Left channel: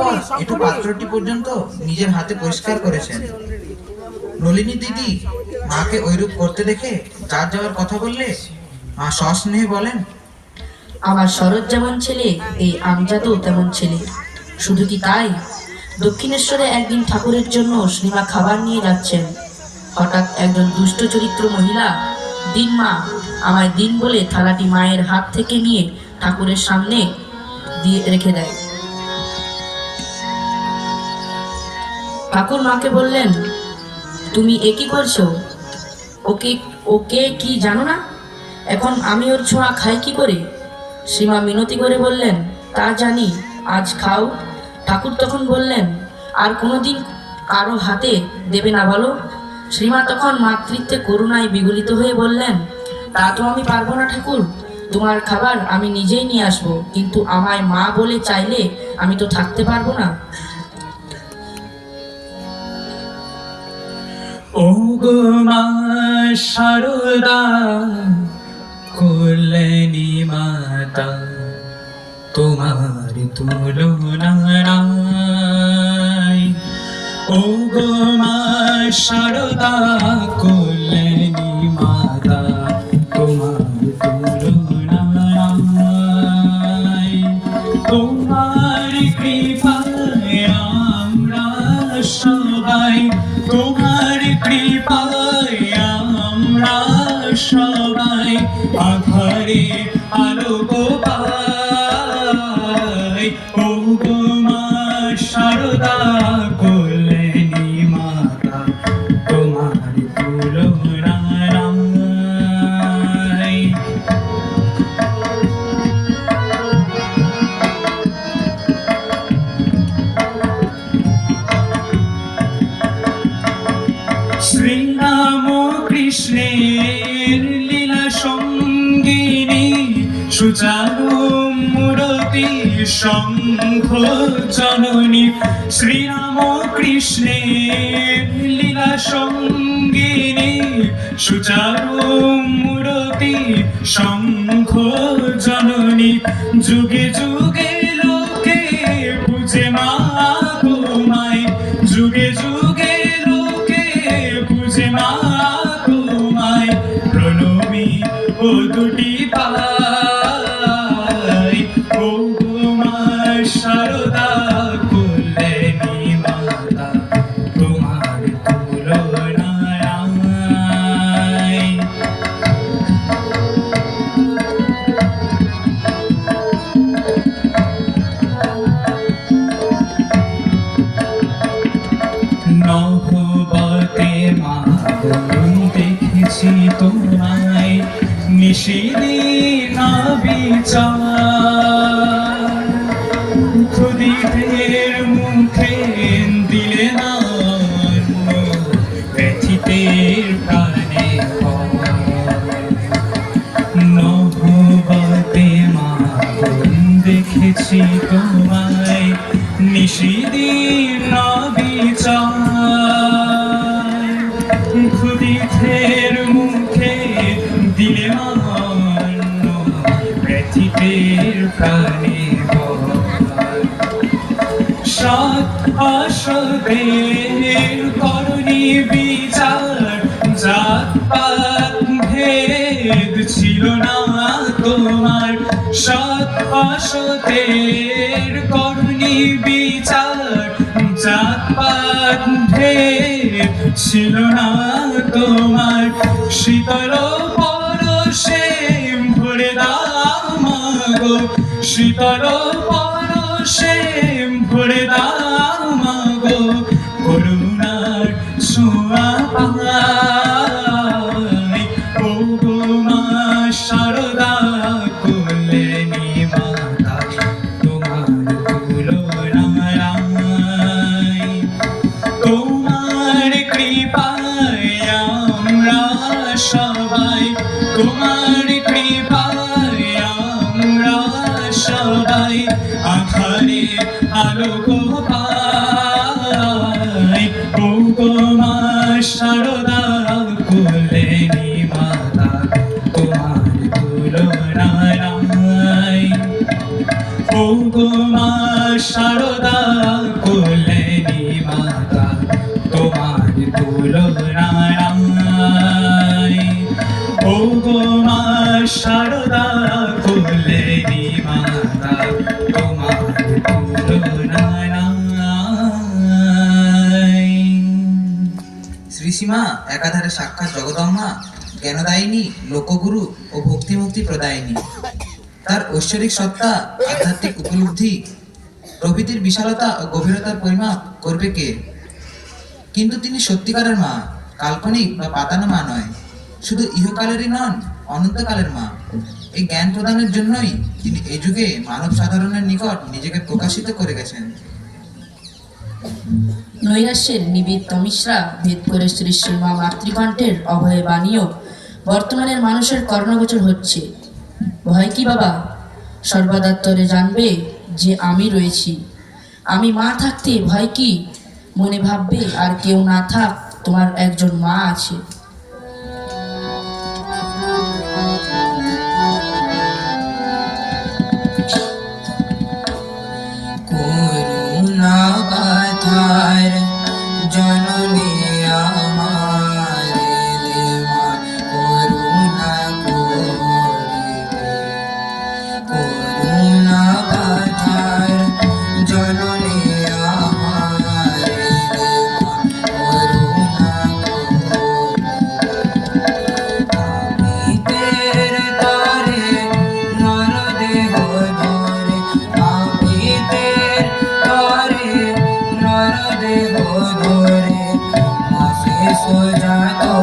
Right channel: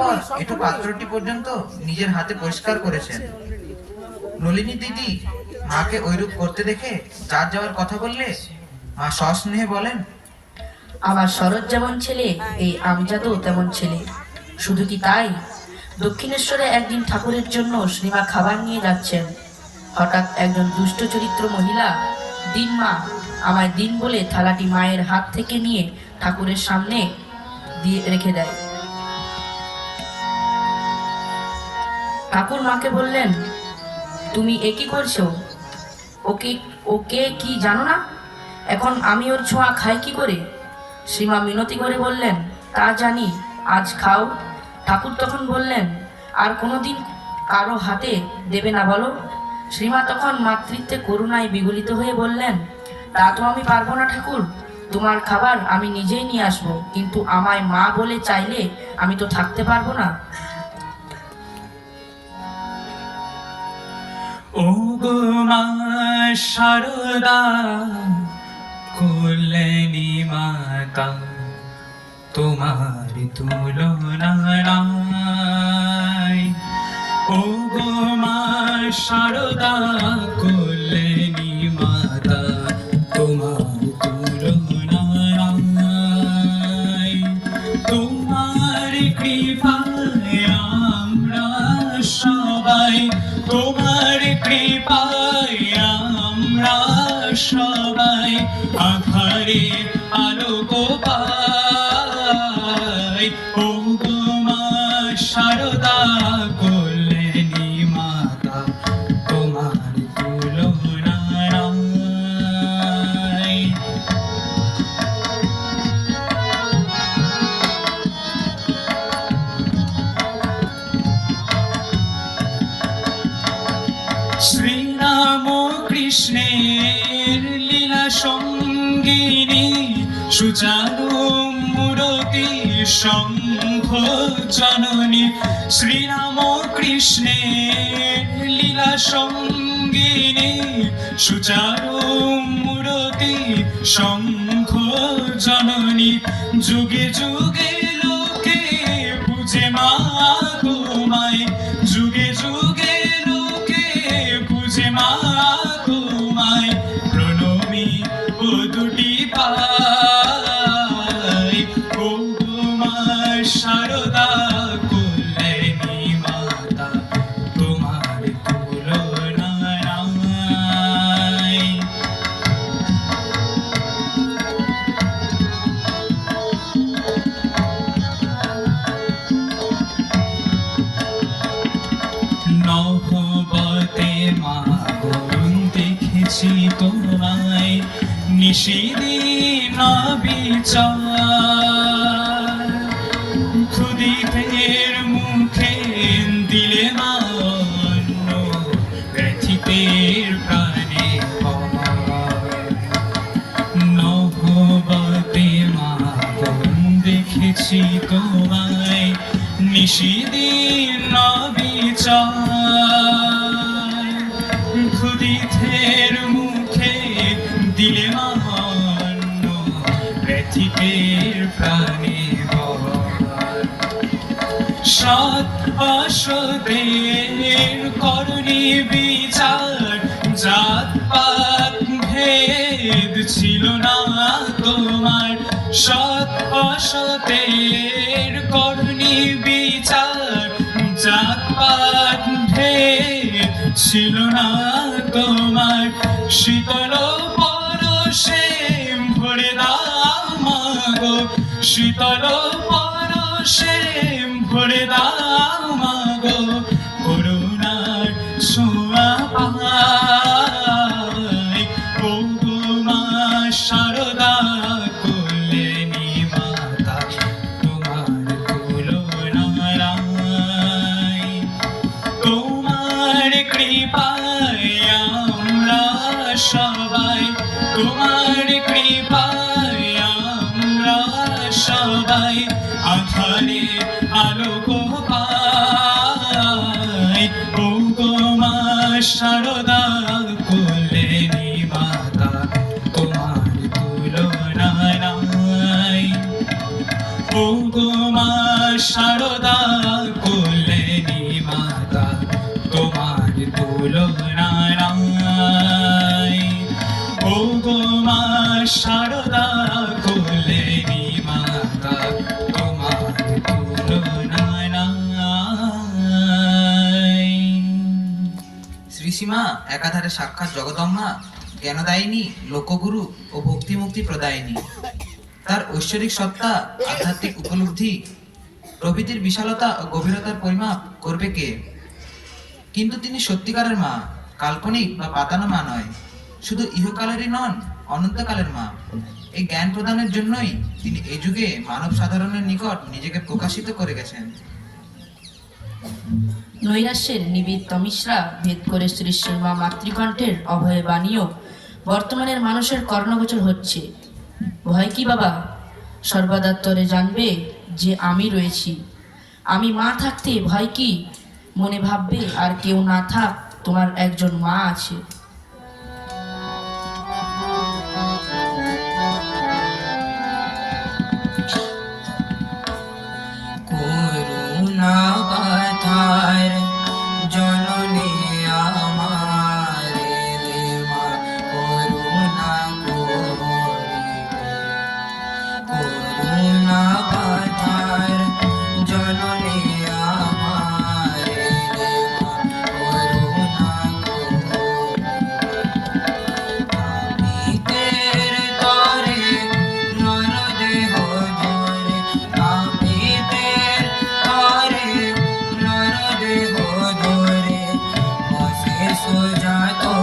পর একটু পাত্রটি পর্যন্ত নিজের হাতে পরিষ্কার করেছেন। নলিনী দিদি মাকে ওইরূপ করতে দেখে যার যাওয়ার কথা বললে মা সস্নেহে বলেন, আমার শরৎ যেমন ছেলে, এই আমজাদও তেমন ছেলে। শুধু কি তাই, দক্ষিণেশ্বরে একদিন ঠাকুরের জন্য শ্রীমা খাবার নিয়ে যাচ্ছেন। হঠাৎ একজন দুষ্ট চরিত্র মহিলা দিন মা আমায় দিন বলে থালাটি মায়ের হাত থেকে নিয়ে ঠাকুরের সামনে দিয়ে রেখে দেয়। ঠাকুর মাকে বললেন, তুমি এ কি করছো? ওকে ওকে কি জানো না? এখন আমি ওর ছোঁয়া খাই কি করে? শ্রীমা মিনতি করে বললেন, তা জানি, আজ খাও। ঠাকুর তখন বললেন, আর কোনোদিন কারো হাতে দেবে না বলো? শ্রীমা তখন মাতৃত্বে করুণায় বিগলিত হয়ে বললেন, তা তো আমি পারবো না ঠাকুর, তোমার খাবার আমি নিজেই নিয়ে আসবো, কিন্তু আমায় মা বলে চাইলে আমি তো থাকতে পারবো না। ও গো মা শারদা কল্যাণী মাতা, তোমার তুলনা নাই। ও গো মা শারদা কল্যাণী মাতা, তোমার তুলনা নাই। তোমার কৃপায় আমরা সবাই, তোমার কৃপায় আমরা সবাই আধারে আলোক পাই। ও গো মা শারদা কল্যাণী মাতা, তোমার তুলনা নাই। শ্রীরাম কৃষ্ণের লীলা সঙ্গিনী, সুচারু মূরতি শঙ্খ জননী। শ্রীরাম কৃষ্ণের লীলা সঙ্গিনী, সুচারু মূরতি শঙ্খ জননী। যুগে যুগে লোকে পূজে মা তোমায়, যুগে যুগে লোকে পূজে মা তোমায়। প্রণমী ও দুটি পাই। ও গো মা শারদা কল্যাণী মাতা, তোমার তুলনা নাই। নহবতে মা দেখেছি তোমায়, নিশিদিন বিচার। ক্ষুদিতের মুখে দিলে না অন্ন, ব্যথিতের প্রাণে ভয়। নহবতে মা দেখেছি তোমায়, নিশিদিন বিচার। ক্ষুদিতের মুখে দিলে অন্ন, ব্যথিতের প্রাণে ভয়। সৎ অসতের করণী বিচার, জাত পাত ভেদ ছিল না তোমার। সৎ অসতের করণী বিচার, জাত পাত ভেদ ছিল না তোমার। শীতল পরশে ভরে দাও মাগো, শীতল পরশে ভরে দাও মাগো। করুণার ছোঁয়া পাই। ও গো মা শারদা কল্যাণী মাতা, তোমার তুলনা নাই। তোমার কৃপায় আমরা সবাই, তোমার কৃপায় আমরা সবাই আধারে আলোক পাই। ও গো মা শারদা কল্যাণী মাতা, তোমার তুলনা নাই। ও গো মা শারদা শ্রীসীমা একাধারে সাক্ষাৎ জগদম্মা, জ্ঞানদায়িনী, লোকগুরু ও ভক্তিমুক্তি প্রদায়িনী। তার ঐশ্বরিক সত্তা, আধ্যাত্মিক উপলব্ধি প্রভৃতির বিশালতা ও গভীরতার পরিমাপ করবে কে? কিন্তু তিনি সত্যিকারের মা, কাল্পনিক বা পাতানো মা নয়, শুধু ইহকালেরই নন, অনন্তকালের মা। এই জ্ঞান প্রদানের জন্যই তিনি এই যুগে মানব সাধারণের নিকট নিজেকে প্রকাশিত করে গেছেন। নৈরাশ্যের নিবিড় তমিশ্রা ভেদ করে শ্রী শ্রীমা মাতৃকণ্ঠের অভয় বাণীও বর্তমানের মানুষের কর্ণগোচর হচ্ছে। ভয় কি বাবা? সর্বদাত্তরে জানবে যে আমি রয়েছি। আমি মা থাকতে ভয় কি? মনে ভাববে আর কেউ না থাক, তোমার একজন মা আছে। করুণা পাথার জননী আমার রে মা, করুণা করিবে। করুণা পাথার জননী আমার রে মা, করুণা করিবে। তরে নরদেহ ধরে, আমিতের তরে নরদেহ ধরে, মাসে সোজা তো